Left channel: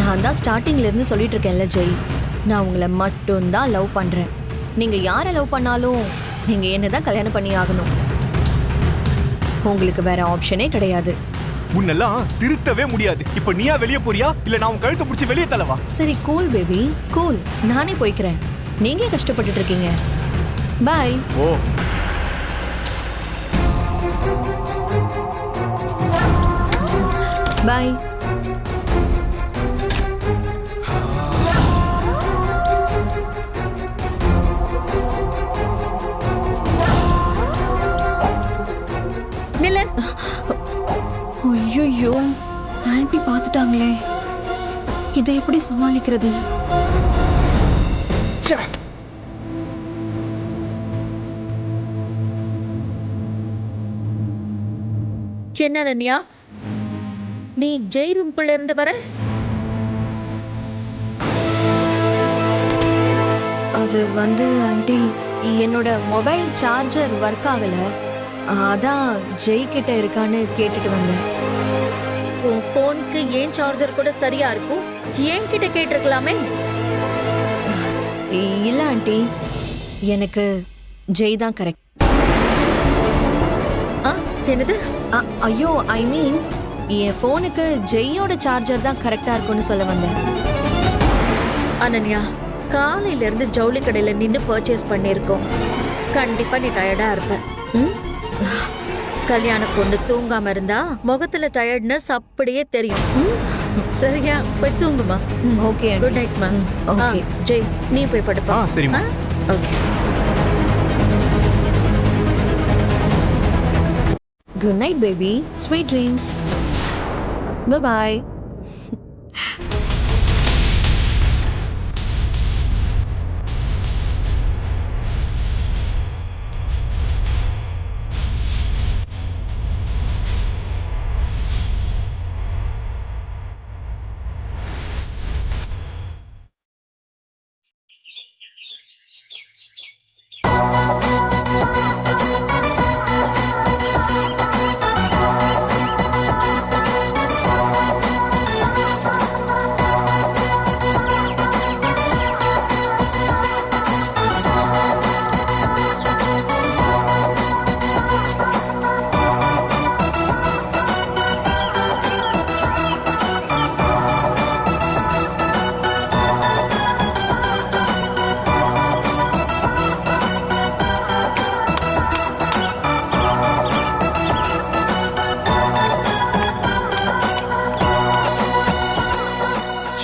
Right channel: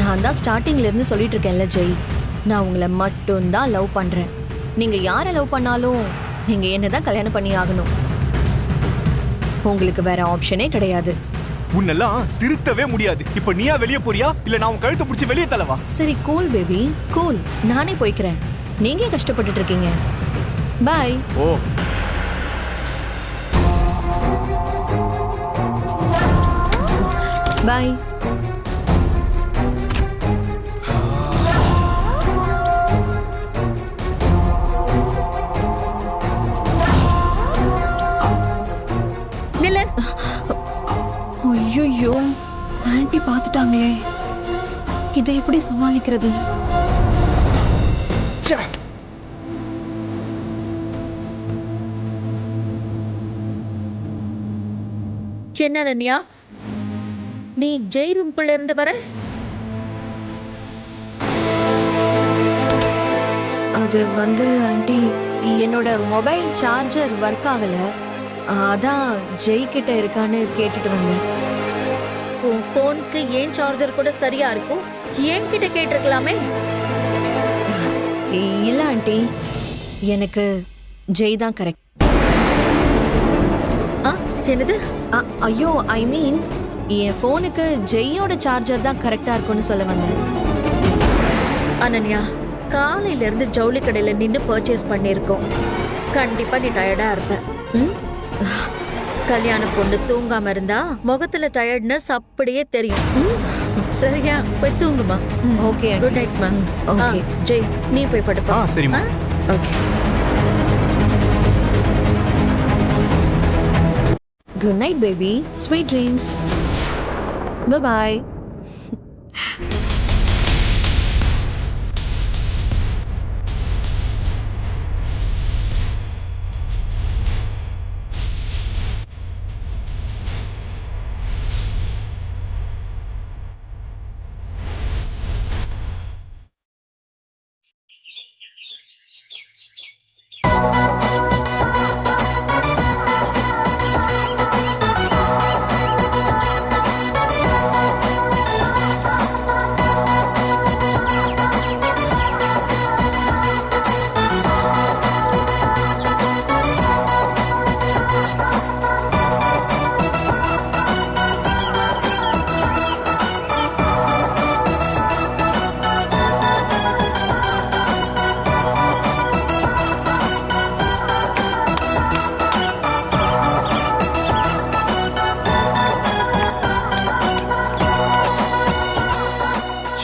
நான் தான் ஸ்டார்டிங்ல இருந்து சொல்லிட்டு இருக்கேன்ல ஜெய், நான் உங்களை மட்டும்தான் லவ் பண்றேன். நீங்க யாரை லவ் பண்ணாலும் நீங்க என்னதான் கல்யாணம் பண்ணி ஆகணும். உங்களுக்கு வேற ஆப்ஷனே கிடையாது. உன்னெல்லாம் திருத்தவே முடியாது. இப்ப நீயா வெளியே போறியா இல்ல நான் உன் கழுத்தை பிடிச்சி வெளியே தள்ளவா? சரி கூல் பேபி கூல், நானே போய்க்கிறேன். நீங்க கஷ்டப்பட்டுட்டு இருக்கீங்க. பாய். ஓ பாய். நில்லு. ஐயோ, ஆன்ட்டி பார்த்துட்டாங்களே, இதை எப்படி சமாளிக்கிறது? என்ன ரன்யா, நீ ஜெய் ரூம்குள்ள இருந்து வர? அது வந்து ஆண்டி, என்னோட மொபைல் சார்ஜர் ஒர்க் ஆகல, அதான் ஜெய் கிட்ட இருக்கான்னு கேட்டுட்டு வந்தேன். உன் போனுக்கு ஏன் சார்ஜர் கூட சரியா இருக்கும், ஏன் கிட்ட கேட்டிருக்கலாமே. இல்ல ஆண்டி, எனக்கு ஜெய் தான் கரெக்ட். என்னது? ஐயோ, ஐ மீன் என் போனுக்கு ஜெய்யோட சார்ஜர் தான் கரெக்டா இருக்கும்னு சொல்ல வந்தேன். அனன்யா, காலையில இருந்து ஜவுளி கடையில நின்னு பர்ச்சேஸ் பண்ணிருக்கோம். கண்டிப்பா நீ டயர்டா இருப்ப. கல்யாண பொண்ணு தூங்காம இருந்தா முகத்துல டயர்ட்னஸ் அப்படியே தெரியும். சரியா, போய் தூங்குமா. ஓகே, குட் நைட் மா. ஓகே ஜெய், நீ போய் படுப்பா. சரிம்மா. Okay. Good night baby, sweet dreams. Bye.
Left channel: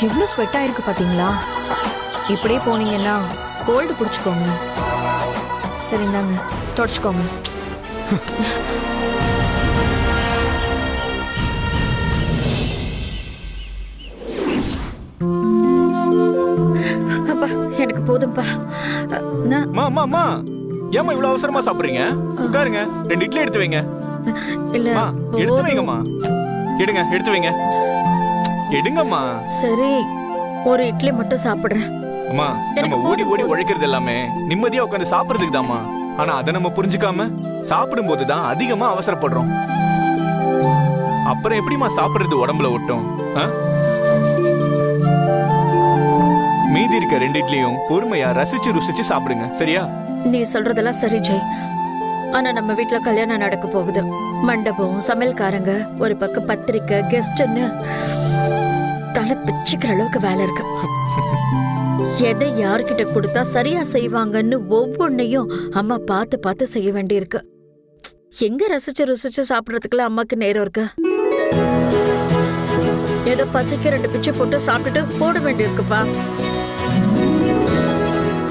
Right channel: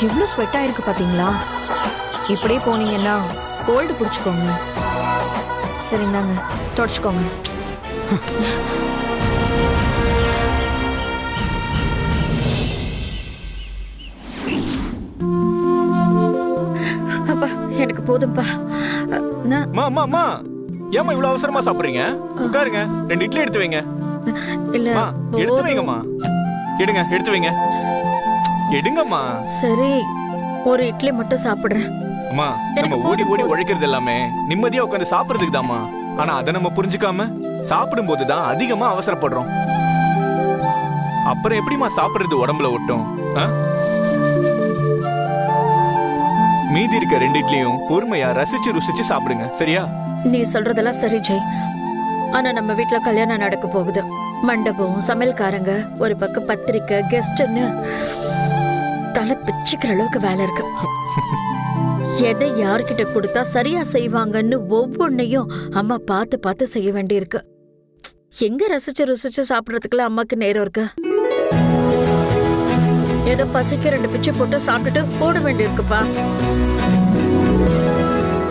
எவ்வளோ ஸ்வெட் ஆயிருக்கு பாத்தீங்களா? இப்படியே போனீங்கன்னா கோல்டு பிடிச்சிக்கோங்க. சரி இந்தாங்க, தொடச்சுக்கோங்க. அப்பா, எனக்கு போதும்பா. ஏமா இவ்வளவு அவசரமா சாப்பிடுறீங்க? உட்காருங்க, 2 இட்லி எடுத்து வைங்க. இல்ல, எடுத்து வைங்கம்மா. எடுங்க, எடுத்து வைங்க. எடுங்கம்மா. சரி, ஒரு இட்லி மட்டும் சாப்பிடுறேன். அம்மா, நம்ம ஓடி ஓடி உழைக்கிறது எல்லாமே நிம்மதியா உட்காந்து சாப்பிடுறதுக்கு தாம்மா. ஆனா அதை நம்ம புரிஞ்சுக்காம சாப்பிடும் போதுதான் அதிகமா அவசரப்படுறோம். அப்புறம் எப்படிமா சாப்பிடுறது உடம்புல ஒட்டும்? மீதி இருக்க 2 இட்லியும் பொறுமையா ரசிச்சு ருசிச்சு சாப்பிடுங்க, சரியா? நீ சொல்றதெல்லாம் சரி ஜெய். ஆனா நம்ம வீட்டுல கல்யாணம் நடக்க போகுது. மண்டபம், சமையல்காரங்க, ஒரு பக்கம் பத்திரிக்கை, கெஸ்ட்னு தலை பிச்சுக்கிற அளவுக்கு வேலை இருக்கு. எதை யார்கிட்ட கொடுத்தா சரியா செய்வாங்கன்னு ஒவ்வொன்னையும் அம்மா பார்த்து பார்த்து செய்ய வேண்டியிருக்கு. எங்க ரசிச்சு ருசிச்சு சாப்பிடறதுக்குலாம் அம்மாக்கு நேரம் இருக்கு? ஏதோ பசிக்கு 2 பிச்சை போட்டு சாப்பிட்டுட்டு போட வேண்டியிருக்குப்பா.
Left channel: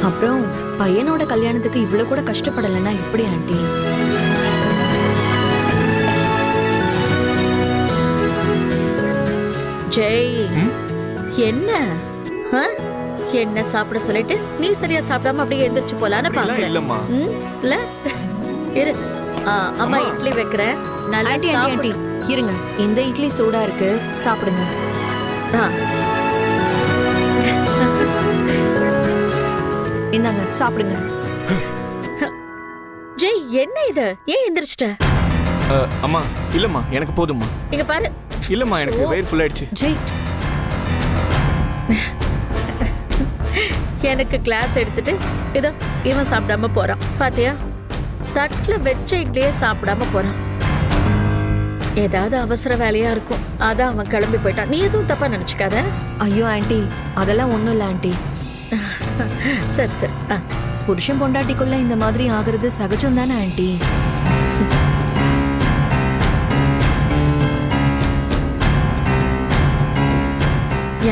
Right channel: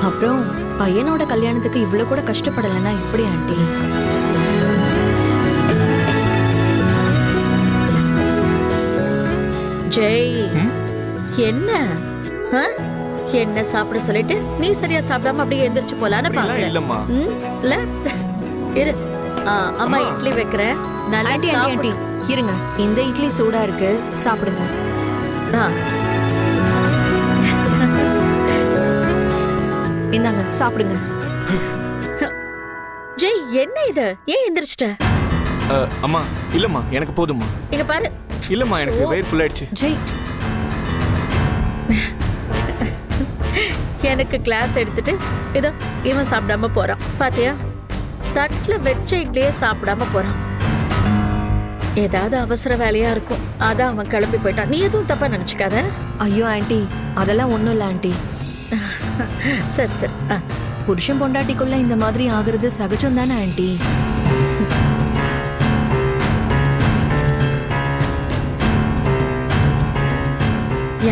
அப்புறம் பையனோட கல்யாணத்துக்கு இவ்வளவு கூட கஷ்டப்படலைன்னா எப்படி ஆண்டி? ஜெய், என்ன என்ன சாப்பிட சொல்லிட்டு நீ சரியா சாப்பிடாம அப்படியே எந்திரிச்சு போலான்னு பாக்குறேன். இல்லம்மா. இல்ல இரு, அம்மா இட்லி வைக்கிறேன். நல்லா ஆண்டி இருங்க, இந்த இட்லி சூடா இருக்கு, சாப்பிடுங்க. இந்தாங்க சாப்பிடுங்க. ஜெய், என்ன இது? ஏன் எந்திரிச்சிட்ட? அம்மா இல்லம்மா, எனக்கு போதும்மா. இங்க பாரு. இல்லம்மா, எனக்கு வயிறு ஃபுல் ஆயிடுச்சு. ஜெய், எனக்கு கிளாஸ் எடுத்துட்டு இதோ இவன் சாப்பிடாம போறான் பாத்தியா? தட்டுல வச்ச இட்லியே சாப்பிடாம போறான். ஏதாவது அவசர வேலையா இருக்கும், அதான் அவன் கிளம்பி போயிட்டான். நீ எதுவும் தப்பா நினைச்சுக்காத. ஐயோ ஆண்டி, அதெல்லாம் ஒண்ணும் இல்ல ஆண்டி. சரி சரி. புருஷன் பொண்டாட்டிக்குள்ள இந்த மாதிரி ஆகுறது சகஜம் தானே ஆண்டி?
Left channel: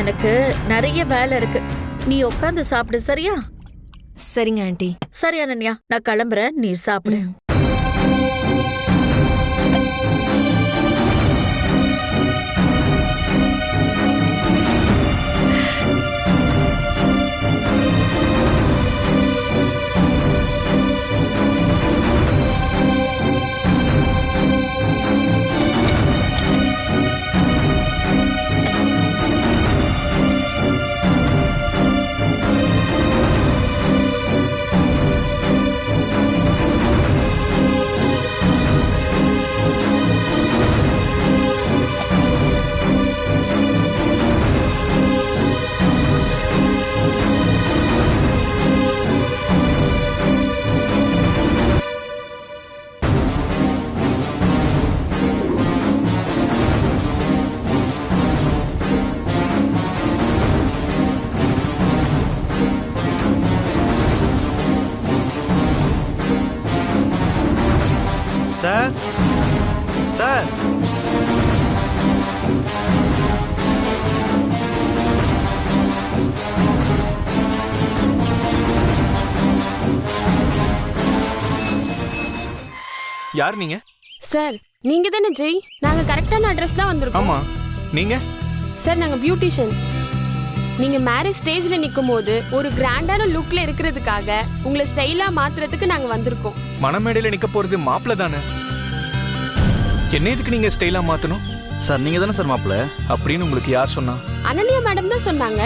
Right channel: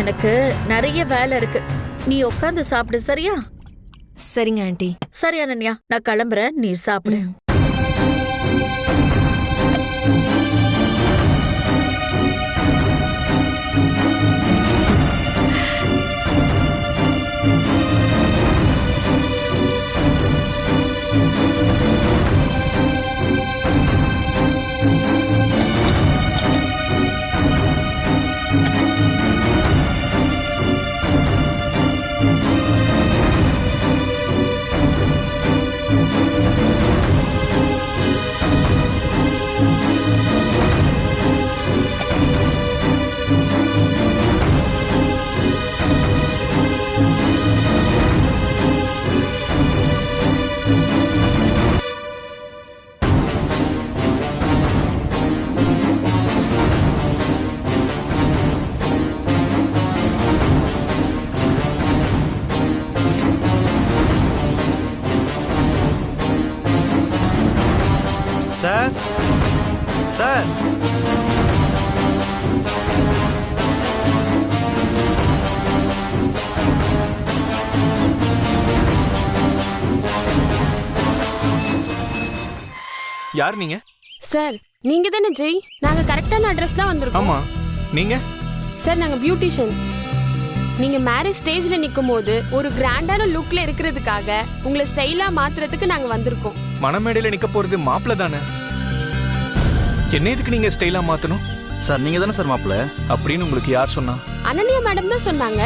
எனக்கு நிறைய வேலை இருக்கு, நீ உட்காந்து சாப்பிடு. சரியா? சரிங்க ஆண்டி. சரி அனன்யா, நான் கிளம்புறேன், நீ சாப்பிடு. சார் சார் யார் நீங்க? சார் நீங்க தானே ஜெய்? நாங்க கரெக்டான அட்ரஸ் தான் வந்திருக்கோம். ஆமா, நீங்க? சார் நாங்க பியூட்டிஷியன். நீங்க மேரேஜ் ஸ்டேஜ்ல நிக்கும் போது ஒரு கிராண்டான லுக்ல இருக்கிறதுக்காக உங்களை ஸ்டைலா மாத்துறதுக்கு நாங்க வந்திருக்கோம். மணமேடையில நிக்க போறது மாப்பிள்ள தானே, என்ன எதுக்கு நீங்க ஸ்டைலா மாத்தணும்? சார் நீங்க தானே சார் மாப்பிள்ள? அப்படின்னு உங்களுக்கு யார் சொன்னா? அனன்யா மேடம் தான் சொன்னாங்க.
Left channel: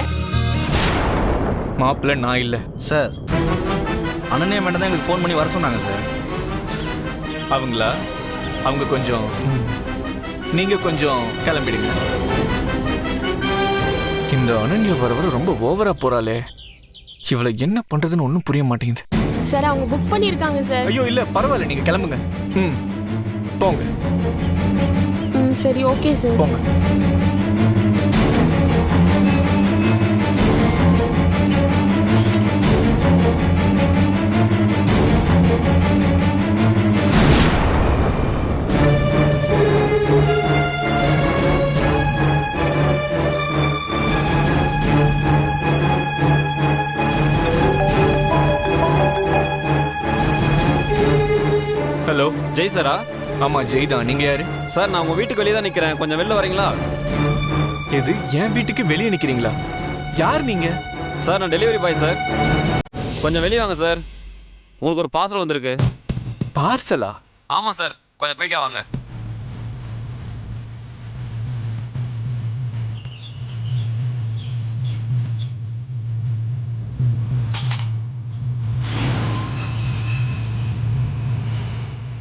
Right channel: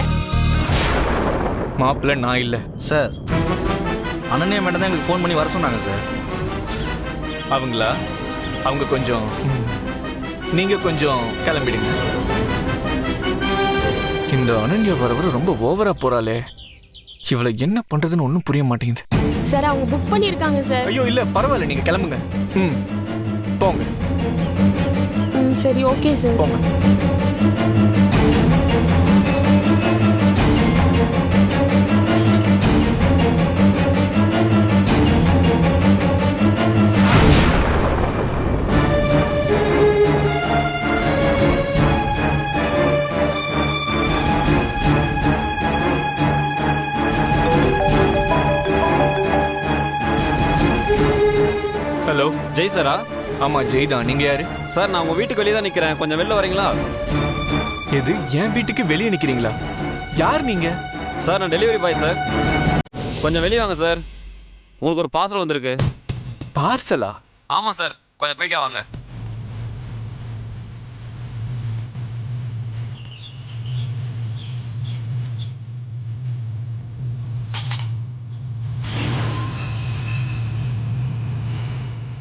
மாப்பிள்ள நான் இல்ல சார். அனன்யா மேடம் தான் எங்களுக்கு ஃபோன் பண்ணி வர சொன்னாங்க சார். அவங்களா? அவங்க கொஞ்சம் நீங்க கொஞ்சம் கிளம்பிடுங்க. இந்த அனன்யா வர வர ரொம்ப ஓவரா போறாளே, இவளை என்ன பண்றதுன்னு ஒன்றும் புரிய மாட்டேங்குது. சார் அவங்க புக் பண்ணிருக்காங்க சார். ஐயோ இல்ல பரவாயில்ல, நீங்க கிளம்புங்க. போங்க. சரி ஓகே சார், போங்க. ஹலோ, ஜெய் சாரா? ஆமா ஜெய் தான். நீங்க யாரு? சார் நான் உங்க வீட்டுக்கு வெளியே தான் நிக்கிறேன், கொஞ்சம் வெளில வரீங்களா? எது, என் வீட்டுக்கு வெளியே நிக்கிறீங்களா? யார் நீங்க? சார் நான் டெலிவரி பாய் சார், கொஞ்சம் வெளியே வாங்க சார், உங்களுக்கு ஒரு பார்சல் வந்திருக்கு. பார்சலா? ஆமாம் சார், கொஞ்சம் போய்க்கா வாங்க.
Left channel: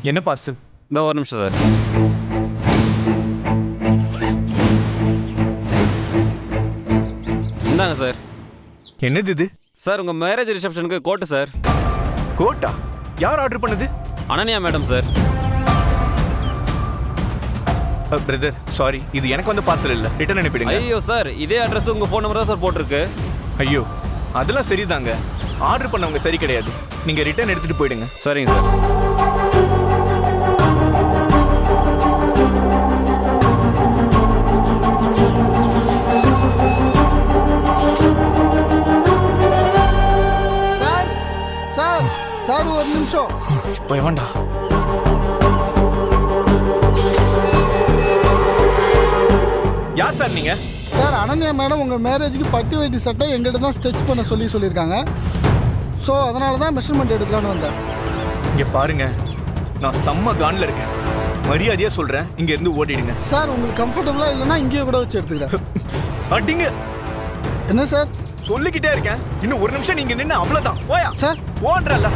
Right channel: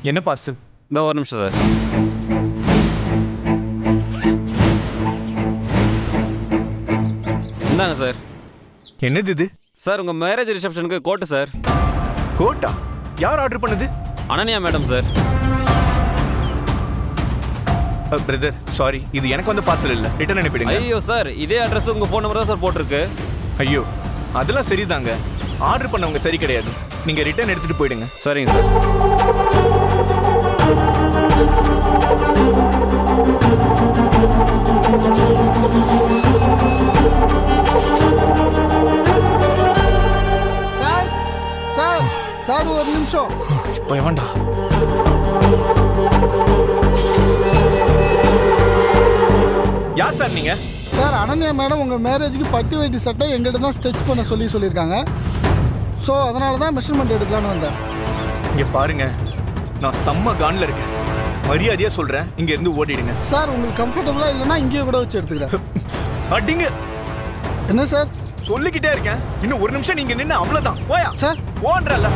என்ன பார்சல்? இந்த ஒரு நிமிஷம் சார். இந்தாங்க சார். என்னது இது? சார் உங்க மேரேஜ் ரிசப்ஷனுக்கு கோட்டு சார். கோட்டா? யார் ஆர்டர் பண்ணது? Ananya madam sir. Brother sorry, இது எனக்கு வந்த பார்சல் இல்ல, ரிட்டர்ன் அனுப்பிடுங்க. ஐயோ சார், இதே அட்ரஸ் உங்க ஃபோன் நம்பர் தான் சார் போட்டிருக்கு. ஐயோ அதெல்லாம் சரிதாங்க, ஆர்டர் பண்ணவங்க சரி கிடையாது. நீங்க ரிட்டர்ன் எடுத்துட்டு போயிடுங்க. சரிங்க சார். சார் ஒரு நிமிஷம். இப்போ வேண்டா. யார் சார் நீங்க? சார் அனன்யா மேடம் உங்கள் மேரேஜுக்கு பட்டு வேட்டி சட்டை எங்கிட்ட தான் ஸ்டிச் பண்ண சொல்லியிருக்காங்க. ஸோ அதனால தான் மெஷர்மெண்ட் எடுக்கலான்னு வந்தேன். இங்க பாருங்க, நான் செம்ம கான்ல இருக்கேன், மரியாதையா சொல்றேன், இங்க இருந்து ஓடிடுங்க. சார் உங்களுக்கு கம்ஃபர்டபுளாக இல்லைன்னா இங்கேயே கூட வச்சு எடுத்துக்கிறேன். அடிங்க. என்ன சார்? சொல்லிக்கிட்டே இருக்கேன், இன்னும் ஒரு நிமிஷம் நீங்க நின்று அவ்வளவுதான். போயா சார் போன்றல்ல.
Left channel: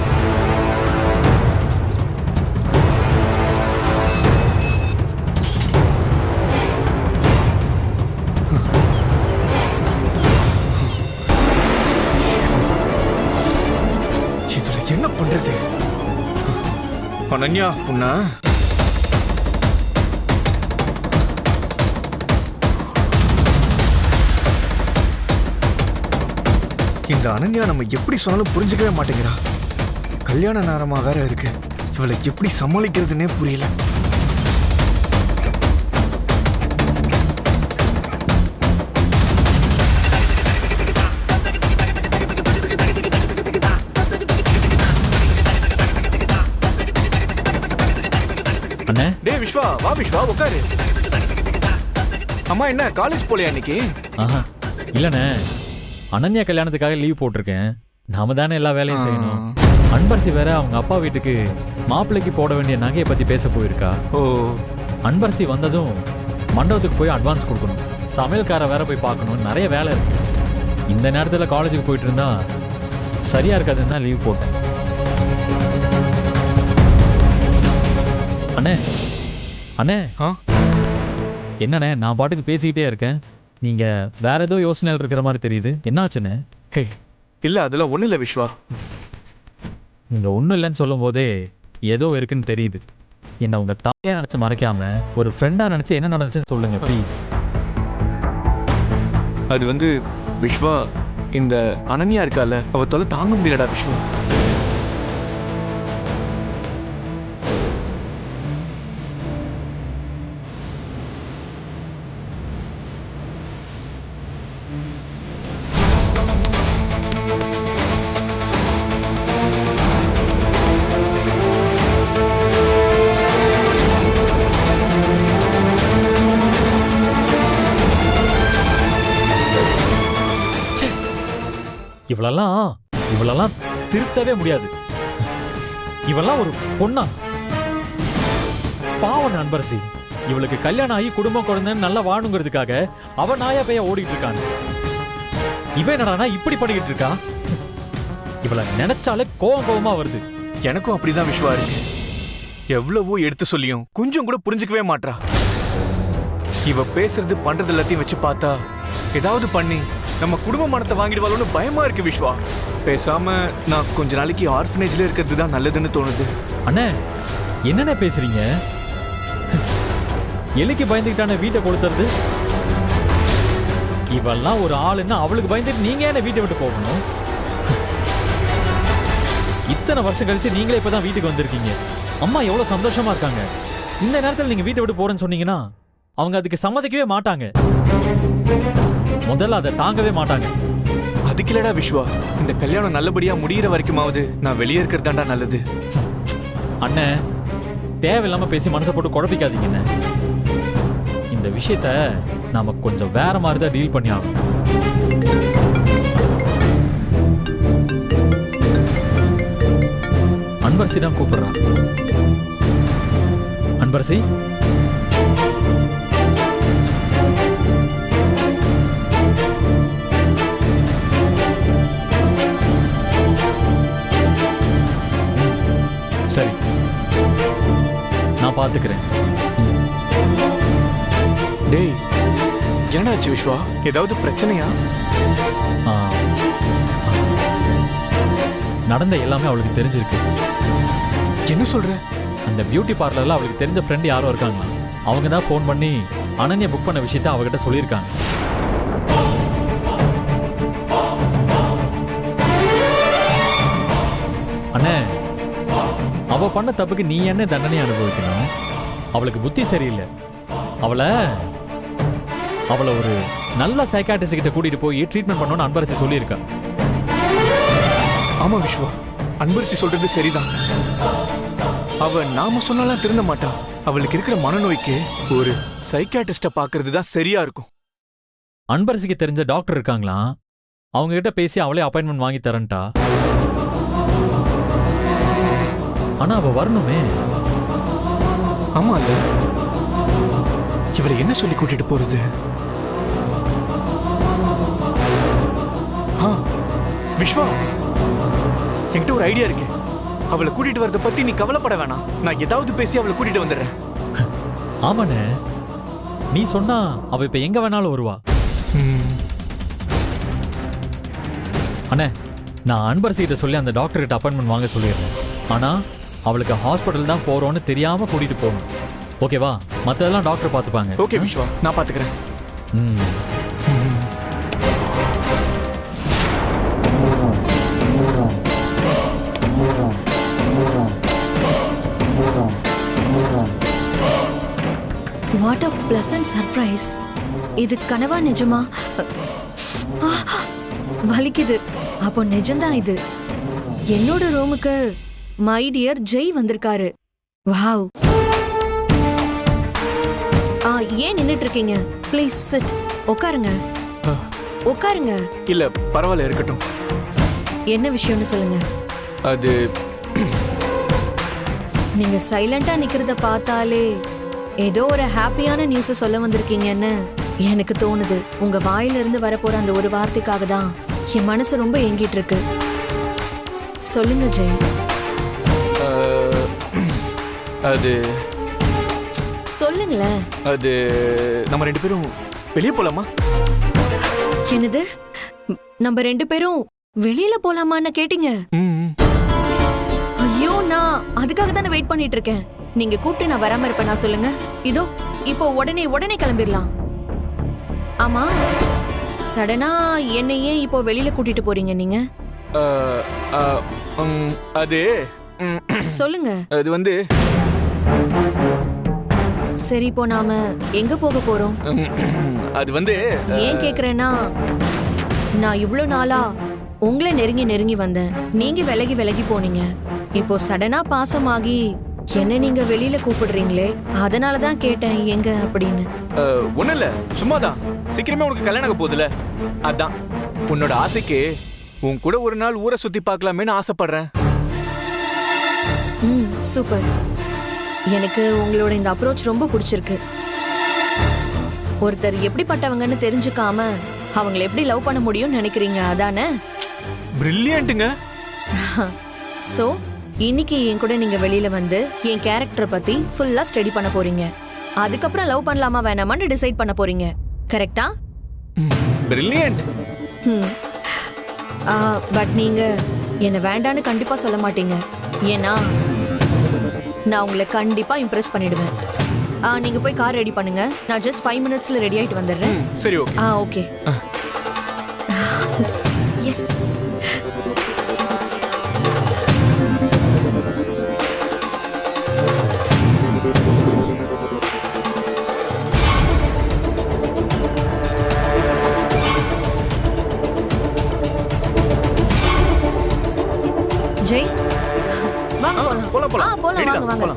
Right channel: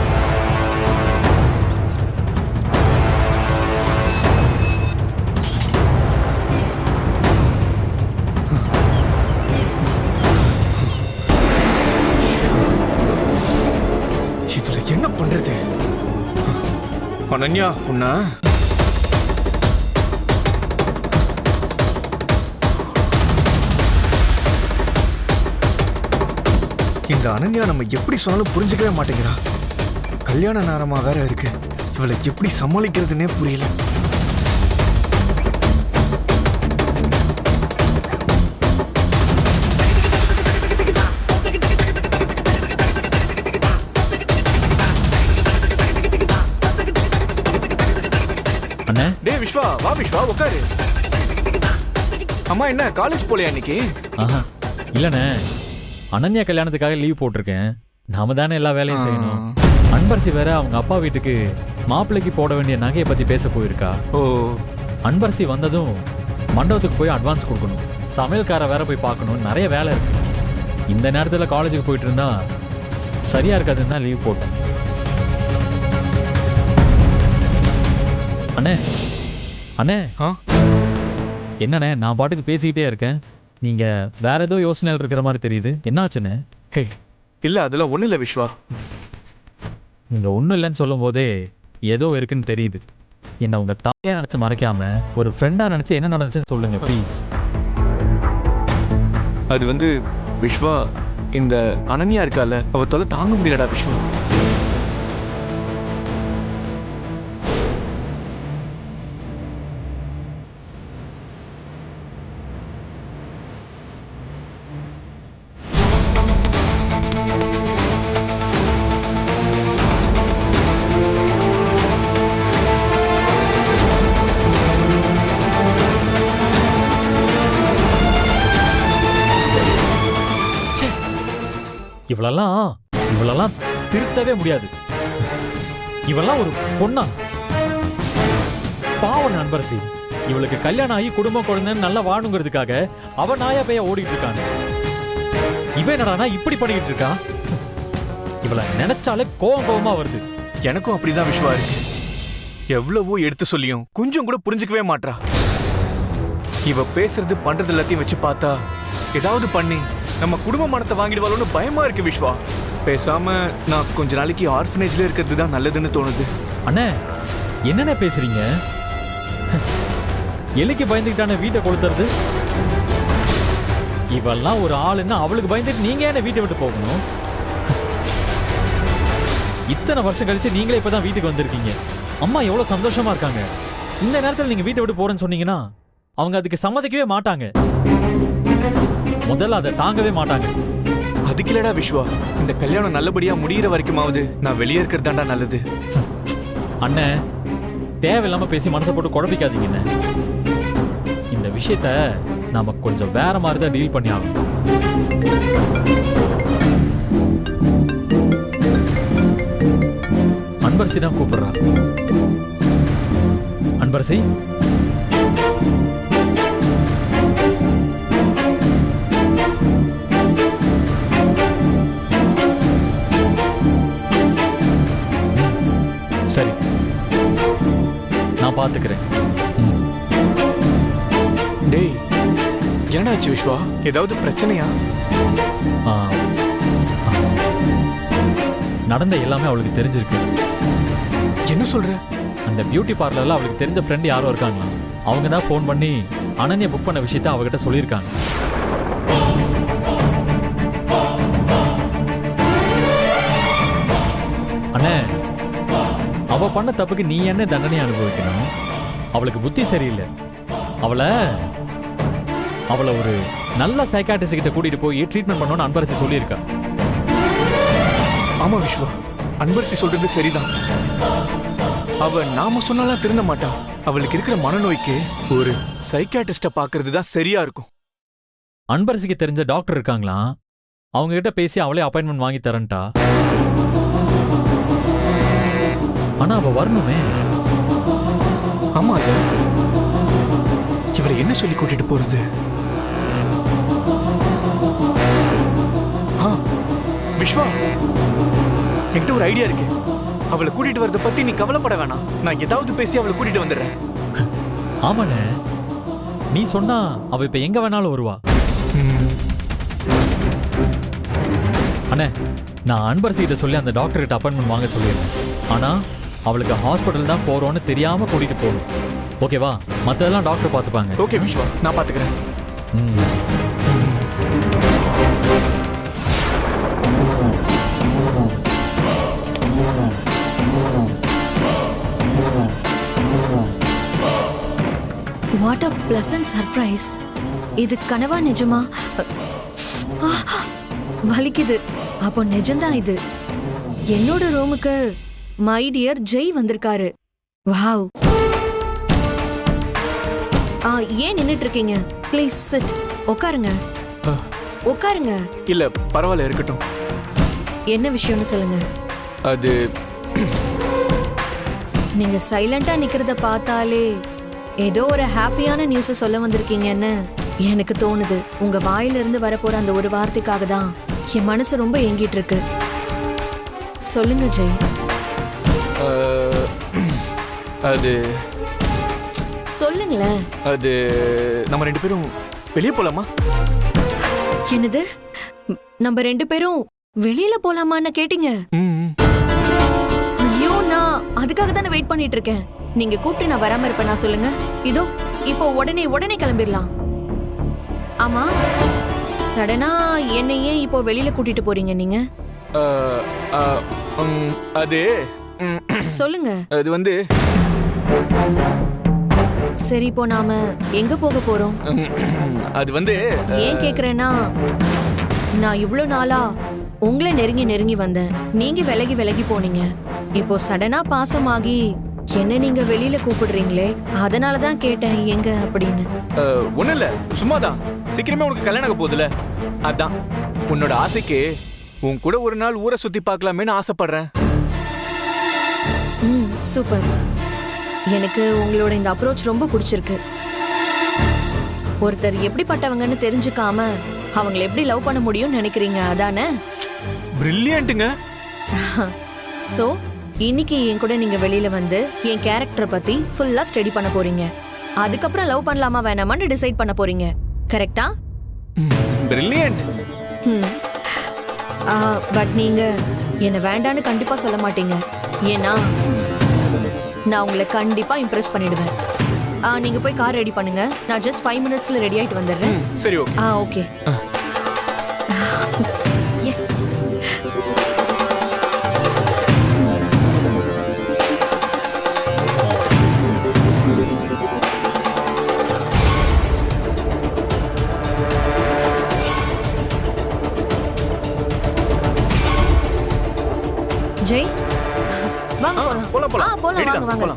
பண்றது? அனன்யா உன்ன இந்த அனன்யா நம்ம எப்படி சொன்னாலும் புரிஞ்சுக்கவே மாட்டேங்கிறா. கல்யாண நேரமா வேற இருக்கு. இவளை எப்படி சமாளிக்கிறதுனே புரியல. அண்ணே டேய் விஸ்வா, வா விஸ்வா உட்காரு. அம்மா என்ன காலேஜ் போலையா இன்னைக்கு? ஆஹா இல்லைண்ணே, அனன்யா கல்யாணத்துக்காக லீவ் போட்டிருக்கேன். நாம தானே எல்லா வேலையும் செய்யணும். அன்பரசி வேற அவங்க அப்பா வீட்டுக்கு மாப்பிள்ளைக்கு போட வேண்டிய நகையை பத்தி பேச போயிருக்கா. ஓ, அன்பரசி வந்ததும் மண்டபத்துக்கு போய் அட்வான்ஸ் கொடுக்கணும், சமையல்கார வேற போய் பார்க்கணும், நிறைய வேலை இருக்கு. இந்த நேரத்தில் காலேஜுக்கு போயிட்டு இருந்தா சரியா இருக்காதுன்னு தான் லீவ் போட்டேன். அண்ணே அண்ணே ஆ? என்னண்ணே நான் பாட்டுக்கு பேசிக்கிட்டே இருக்கேன், நீங்க வேற ஏதோ யோசனையில் இருக்கிற மாதிரி தெரியுது. என்னாச்சுண்ணே? ஹே இல்ல அதெல்லாம் ஒண்ணு இல்ல விஸ்வா. நீங்க ஒன்றும் இல்லைன்னு சொல்லும் போதே ஏதோ இருக்குன்னு தெரியுது. என்னை உங்க தாயா நினைச்சு மறைக்காம ஒரு ஃப்ரெண்டா நினைச்சு என்ன நடந்துச்சுன்னு சொல்லுங்க ப்ளீஸ். அது வந்து விஸ்வா, இந்த அனன்யா இருக்கால, அவ தொலை தாங்க முடியலடா விஸ்வா. இவளெல்லாம் திருத்தவே முடியாது. இவெல்லாம் ஒரு பொண்ணா? பாவம் அன்பரசி, இவளுக்கு கல்யாணம் ஆகி குடும்பம் குழந்தைன்னு நல்லா வாணுங்கிறதுக்காக அவ நாயா பைய ஓடிட்டு இருக்காங்க. இவன் என்னடானா இப்படி பண்ணிக்கிட்டு இருக்கா? இவளை நினைச்சாலே கோவமா வருது. எனக்கும் அப்படிதான் விஸ்வா இருக்கு. எவ்வளவோ எடுத்து சொல்லியும் கொஞ்சம் கூட புரிஞ்சுக்கவே மாட்றா. இவ பேசுறது பண்றது எல்லாத்தையும் வச்சு பார்த்தா ஏதாவது பண்ணி நம்ம குடும்ப மனத்தை வாங்கிடுவாளோன்னு பயமா இருக்கு விஸ்வா. பேசாம நான் கொஞ்ச நாளைக்கு ஆர்ஃபனேஜ்ல இருக்கிறது தான் நல்லதுன்னு தோணுது. அண்ணே என்னென்ன பேசுறீங்க? எலிக்கு பயந்துக்கிட்டான வீட்டை கொளுத்துறது? இவெல்லாம் ஒரு ஆளுன்னா அவளுக்கு பயந்துட்டு நீங்க என்ன வீட்டை விட்டு போகணும்? இத்தனை வருஷம் கழிச்சு நீங்களே இப்பதான் வீட்டுக்கு வந்திருக்கீங்க. அம்மா எவ்வளவு சந்தோஷமா இருக்காங்க. இந்த நேரத்தில் நீங்க வீட்டை விட்டு போறேன்னு சொன்னீங்கன்னா அவங்க அதுக்கு சம்மதிக்கவே மாட்டாங்க. முதல்ல அதை தாங்கவே மாட்டாங்க. அதுக்கில்லடா விஸ்வா, இந்த கல்யாணம் நல்லபடியா முடியிற வரைக்குமாவது நான் வெளியே இருக்கிறதாண்டா நல்லது. அண்ணே தேவையில்லாம பேசி மனசை போட்டு குழப்பிக்காதீங்க. இந்த விஷயத்த நாம கொஞ்சம் வேற மாதிரி தான் டீல் பண்ணி ஆகணும். அன்பரசி தான் கூப்பிடுறா. அன்பரசி, சரி நான் பாத்துக்கிறேன். டேய் என்னாச்சு விஸ்வா, ஏதாவது பிரச்சனையா? நடந்த எல்லாமே அவளுக்கு தெரிஞ்சிருக்கு. என்ன சொல்ற? அந்த பியூட்டி பார்லர்ல அவளுக்கு தெரிஞ்ச ஃப்ரெண்ட் யாரோ இருக்காங்களா, அவங்க தான் ஃபோன் பண்ணி அனன்யா புக் பண்ண விஷயத்த அவகிட்ட சொல்லியிருக்காங்க. அண்ணே அவ பண்ண தப்புக்கு நீ என்ன தண்டனை அனுபவிக்கணும்? அவளுக்கு புத்தி சரியில்லை. அவளை ஒரு நல்ல சைக்காட்ரிஸ்ட் கிட்ட கூட்டிட்டு போய் ட்ரீட்மெண்ட் பண்ணணும்னு அன்பரசி சொல்லியிருக்கா. ஆமா விஸ்வா, அன்பரசி சொல்றது சரிதான். அவ நாம சொன்னாலாம் திருந்த மாட்டா. அவளுக்கு இருக்கிற மனநோய்க்கு ஒரு சைக்காட்ரிஸ்ட பாக்குறது தான் சரியா இருக்கும். அன்பரசிக்கு தெரிஞ்ச டாக்டர் இருக்காங்களா, அவங்க கிட்ட பேசி அவளே அப்பாயின்மெண்ட் வாங்கி தரேன்ட்டா. ஆனா அவ வரணுமே. ஆமா இல்ல, இவளை என்ன சொல்லி கூட்டிட்டு போறது? விஸ்வா, என்கிட்ட ஒரு ஐடியா இருக்கு. அவளை கூட்டிட்டு வரத பத்தி நீ கவலைப்பட வேணாம். நான் ஏதாவது பேசி அவளை கூட்டிட்டு வந்துடுறேன். ஆமாண்ணே, நீ சொன்னா அவ இப்ப எங்க வேணாலும் வருவா. அண்ணே நான் அன்பரசிகிட்ட சொல்லி அந்த டாக்டர்கிட்ட அப்பாயின்மெண்ட் வாங்க சொல்லிடுறேன். ஆனா அவளுக்கு ஹாஸ்பிட்டல் தான் போறோன்னு தெரியாம கூட்டிட்டு போகணும். ஓகேவா? மத்ததெல்லாம் டாக்டர் பார்த்துப்பாங்க. ஓகே விஸ்வா, நான் பாத்துக்கிறேன். What a pleasant surprise. இது கனவா நிஜமா? வலிக்குது. அப்போ நிஜம்தான் இது. என்னோட ரூமுக்கு மை டியர் ஜெய் வந்திருக்காரு. வாவ். ஏன் நின்னுட்டு இருக்கீங்க? Please sit. உட்காருங்க. உட்காருங்க. இல்ல பரவாயில்ல, இருக்கட்டும். என்ன விஷயம்னு சொல்லுங்க. அது நீங்க சைலண்டா நிக்கிறத பார்த்தாலே ஏதோ ஒரு ஹாப்பியான நியூஸ் சொல்ல வந்திருக்கீங்கன்னு எனக்கு தோணுது. உங்க வாயில இருந்து வரப்போற அந்த ஒரு வார்த்தைக்காக தான் என் மனசு ரொம்ப ஏங்கிட்டு இருக்கு. சொல்லுங்க ஜெய். அது சொல்லுங்களேன். அது நம்ம 2 பேரும் வெளியே போலாமா? என்னது? நம்ம 2 பேரும் வெளியில போலாமான்னு கேட்டீங்க? ஐயோ, நான் அதுக்காக தானே வெயிட் பண்ணிட்டு இருக்கேன். நீங்க கூப்பிட்டு நான் வராம இருப்பேனா சொல்லுங்க? இதோ இப்போ உடனே கிளம்பிடலாம். ஆமா, சடனா என்னை ஏன் இப்போ வெளியில கூட்டிட்டு போறீங்க நீங்க? அது சொல்லுங்க. அது வந்து சரி, இப்போ நாம எங்க போக போறோம்? அது வந்து ஏன் கேக்குறேன்னா, நான் இவ்வளவு நாளா உங்களை நெருங்கி வந்தேன். நீங்க விலகி போனீங்க. இப்போ சடனா பாசமாகி என்ன நீங்க வெளியில கூப்பிடுறீங்களே, அதனாலதான் கேட்டேன் எங்க அப்படின்னு. ஒண்ணும் இல்ல, சும்மாதான். சீக்கிரமே உனக்கு கல்யாணம் ஆக போகுதுல, அதான். உன்னோட ஆசைக்கு உன் கூட ஒரு நாள் ஊரை சுத்தி பார்க்கலாமேன்னு ஆசைப்படுறேன். சூப்பர். எனக்கு உங்களோட இந்த அப்ரோச் ரொம்ப பிடிச்சிருக்கு. ஒருத்தர் எப்படிப்பட்டவங்கன்னு தெரிஞ்சுக்காம அவங்களை எப்படி லவ் பண்ண முடியும்னு நினைக்கிறீங்க, அதானே? பிரில்லியன்ட்டுங்க. சோ இன்னைக்கு என் கூட நீங்க வெளியில வந்து என் கேரக்டரை பத்தி ஃபுல்லா ஸ்டடி பண்ண போறீங்க. அதுக்கப்புறம் லவ் பண்ணலாமா வேணாமான்னு டிசைட் பண்ண போறீங்க. கரெக்டா? பிரில்லியன்ட். பட் நீங்க என்ன வேண்டான்னு கண்டிப்பா சொல்ல மாட்டீங்க. ஏன்னா நான் உங்களை கண்டிப்பா இம்ப்ரெஸ் பண்ணிடுவேன். நீங்க போய் கார் ரெடி பண்ணுங்க. நான் ஜஸ்ட் 5 மினிட்ஸ்ல ரெடி ஆயிட்டு வந்துடுறேன். சரி, ஓகே. ஓகே. எஸ். ஜெய், வாங்க போலாம். போலாம். போலாம், வாங்க.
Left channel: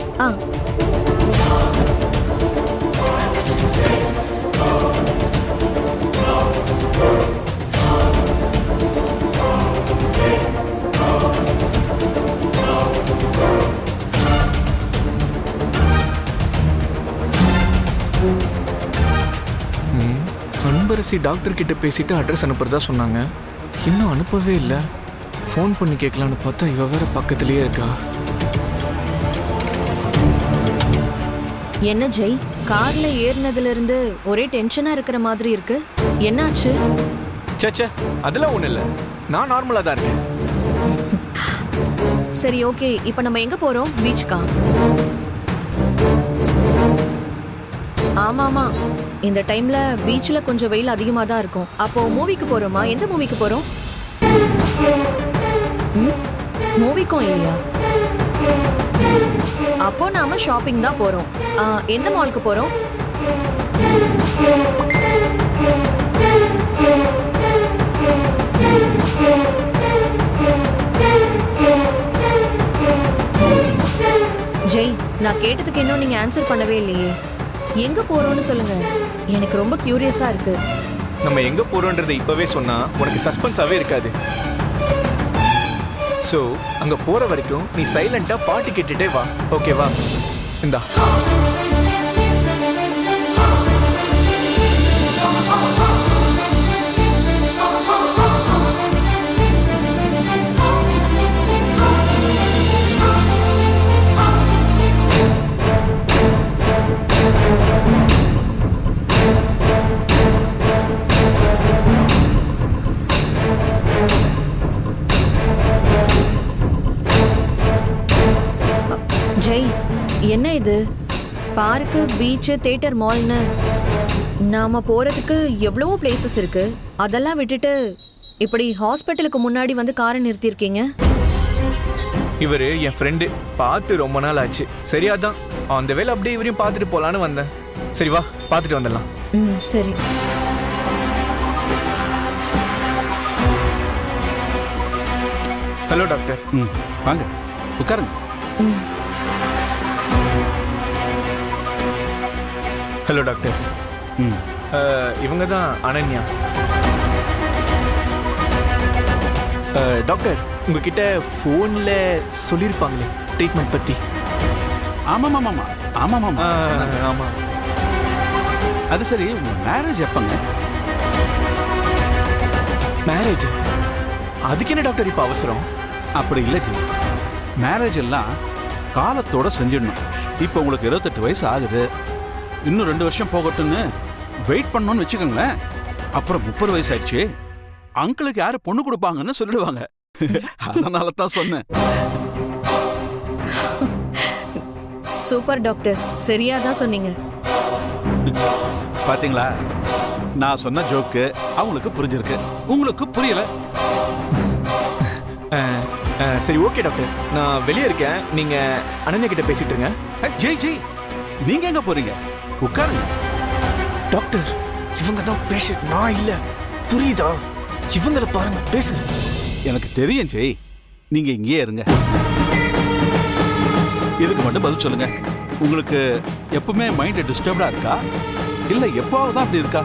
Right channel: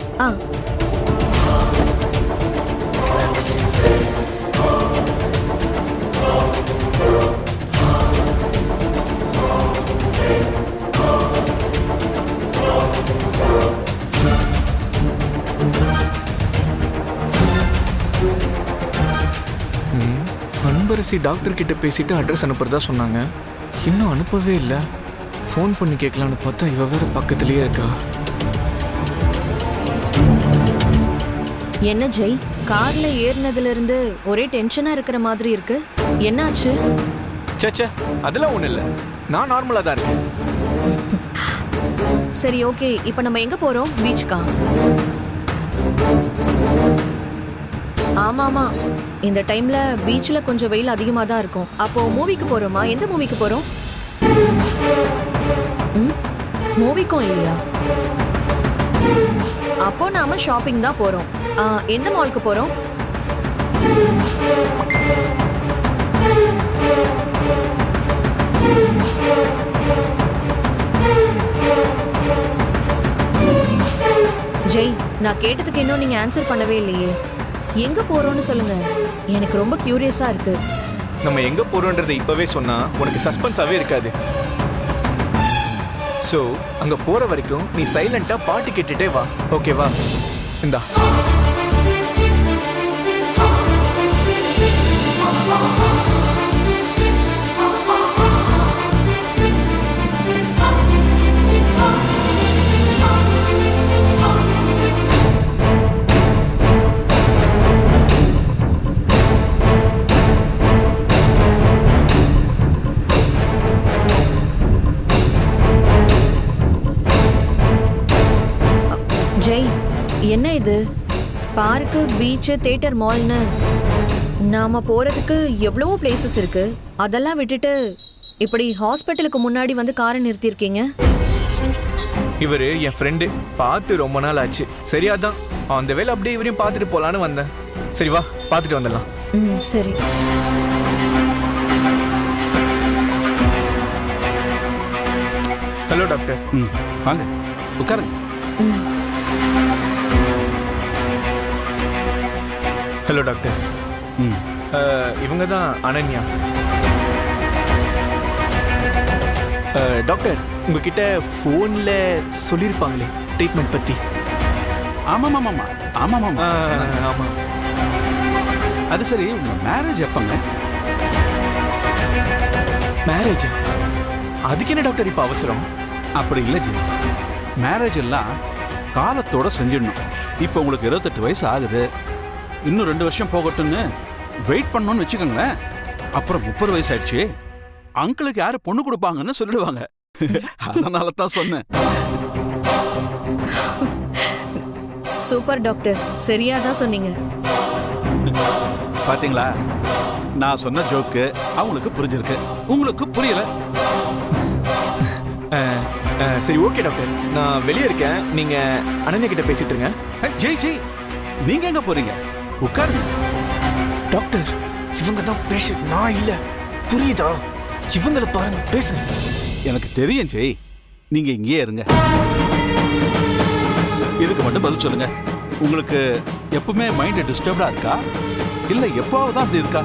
அன்பரசி டாக்டர் கிட்ட பேசிட்டு அட்ரஸ் அனுப்புறதா சொன்னாங்க. இன்னும் அனுப்பவே இல்லை. ஃபோன் பண்ணி கேட்கலான்னு பார்த்தா இவ வேற பக்கத்திலேயே இருக்கா. என்ன ஜெய், கார்ல ஏறினதுல இருந்து ஒரே டென்ஷனா இருக்கிற மாதிரி இருக்கு. என்னாச்சு? சச்சா, அதெல்லாம் ஒண்ணு இல்ல. நான் நார்மலா தான் இருக்கேன். சரி, ஓகே. இப்போ நம்ம எங்க போறோம்? பீச்சுக்கா? ஆமாமா, இந்த டைம்ல பீச்ல கொஞ்சம் வெயில் அதிகமா தான் இருக்கும். அப்போ மூவிக்கு போறோமா? எந்த மூவிக்கு போறோம்? மூவிக்கும் இல்லையா? அப்போ நாம ஷாப்பிங் தான் போறோம். எந்த மாலுக்கு போறோம்? ஜெய், நான் கேட்டதுக்கு இன்னும் நீங்க ஆன்சர் பண்ணவே இல்லையே. எங்க போறோம்னு சொல்லுங்க. எனக்கு ரொம்ப கியூரியஸா இருக்கு. நம்ம எங்க போறோம்ன்றதை இப்பவே சொன்னா உனக்கு சஸ்பென்ஸாவே இருக்காது. சோ அங்க போற வரைக்கும் நீ சைலண்டா பாட்டு கேட்டுட்டே வா. ஓகேவா? இந்தா. ஜெய், என்ன இது? பார்க்கு, பீச், தியேட்டர், மால்னு நாம போறதுக்கு எவ்வளவோ பிளேசஸ் இருக்கு. அதெல்லாம் விட்டுட்டு இப்படி ஹாஸ்பிட்டலுக்கு முன்னாடி வந்து காரை நிறுத்தியிருக்கீங்க. இவரு என் ஃப்ரெண்டு, பார்த்து ரொம்ப நாள் ஆச்சு. சரியாதான் அந்த வேலை அப்படியே இவரையும் பார்த்துட்டு போலான்னு வந்தேன். சரி வா, பார்த்துட்டு வந்துடலாம். ம், சரி. Hello doctor. ம் வாங்க உட்காருங்க. ம். Hello doctor. ம் இவங்க தான் அனன்யா. டாக்டர், உங்ககிட்ட ஃபோனில் சொல்லியிருப்பாங்களே ட்ரீட்மெண்ட் பற்றி. ஆமாம் ஆமாம் ஆமாம் ஆமாம் ஆமாம். அது சரி, உங்க மேரேஜ் எப்பங்க? மேரேஜ்? அதுக்கு என்ன டாக்டர் இப்போ அவசரம்? அப்படி இல்லை ஜி, மேரேஜ் எல்லாம் காலத்தோட செஞ்சிடணும். இப்போ உங்களுக்கு 28 வயசு ஆகுது, இன்னும் 2 வருஷம் போகட்டும்னு வெயிட் பண்ணணும்னு வச்சுக்கோங்களேன். அப்புறம் 30 வயசு ஆயிடுச்சு, அங்கிளுக்கு யாரு பொண்ணு கொடுப்பாங்கன்னு சொல்லிடுவாங்க. அதனால தான் சொன்னேன். சூப்பர் டாக்டர், சரியா தான் சொன்னீங்க. பாத்தீங்களா, நான் சொன்ன ஜோக்கு அவங்களுக்கு புரிஞ்சிருக்கு, உங்களுக்கு புரியல. சரி ஓகே டாக்டர், நான் வெளியே இருக்கேன். நீங்கள் அனன்யா கிட்ட பேசிட்டு இருங்க. ஜெய் ஜெய், நீங்க எங்க போறீங்க? உட்காருங்க. டாக்டர், இவங்க தான் பேஷண்ட், நான் இல்லை. புரியுதா? இவங்களை பாருங்க, பேசுங்க. எனக்கு தெரியும் ஜெய், நீங்க இங்கேயே இருங்க. இதுக்கு மட்டும் பதில் சொல்லுங்க. உங்களுக்கு எப்பவுமே மைண்ட் டிஸ்டர்ப்டா இருக்கா, இல்ல எப்பவாவது தான் அப்படி இருக்கா?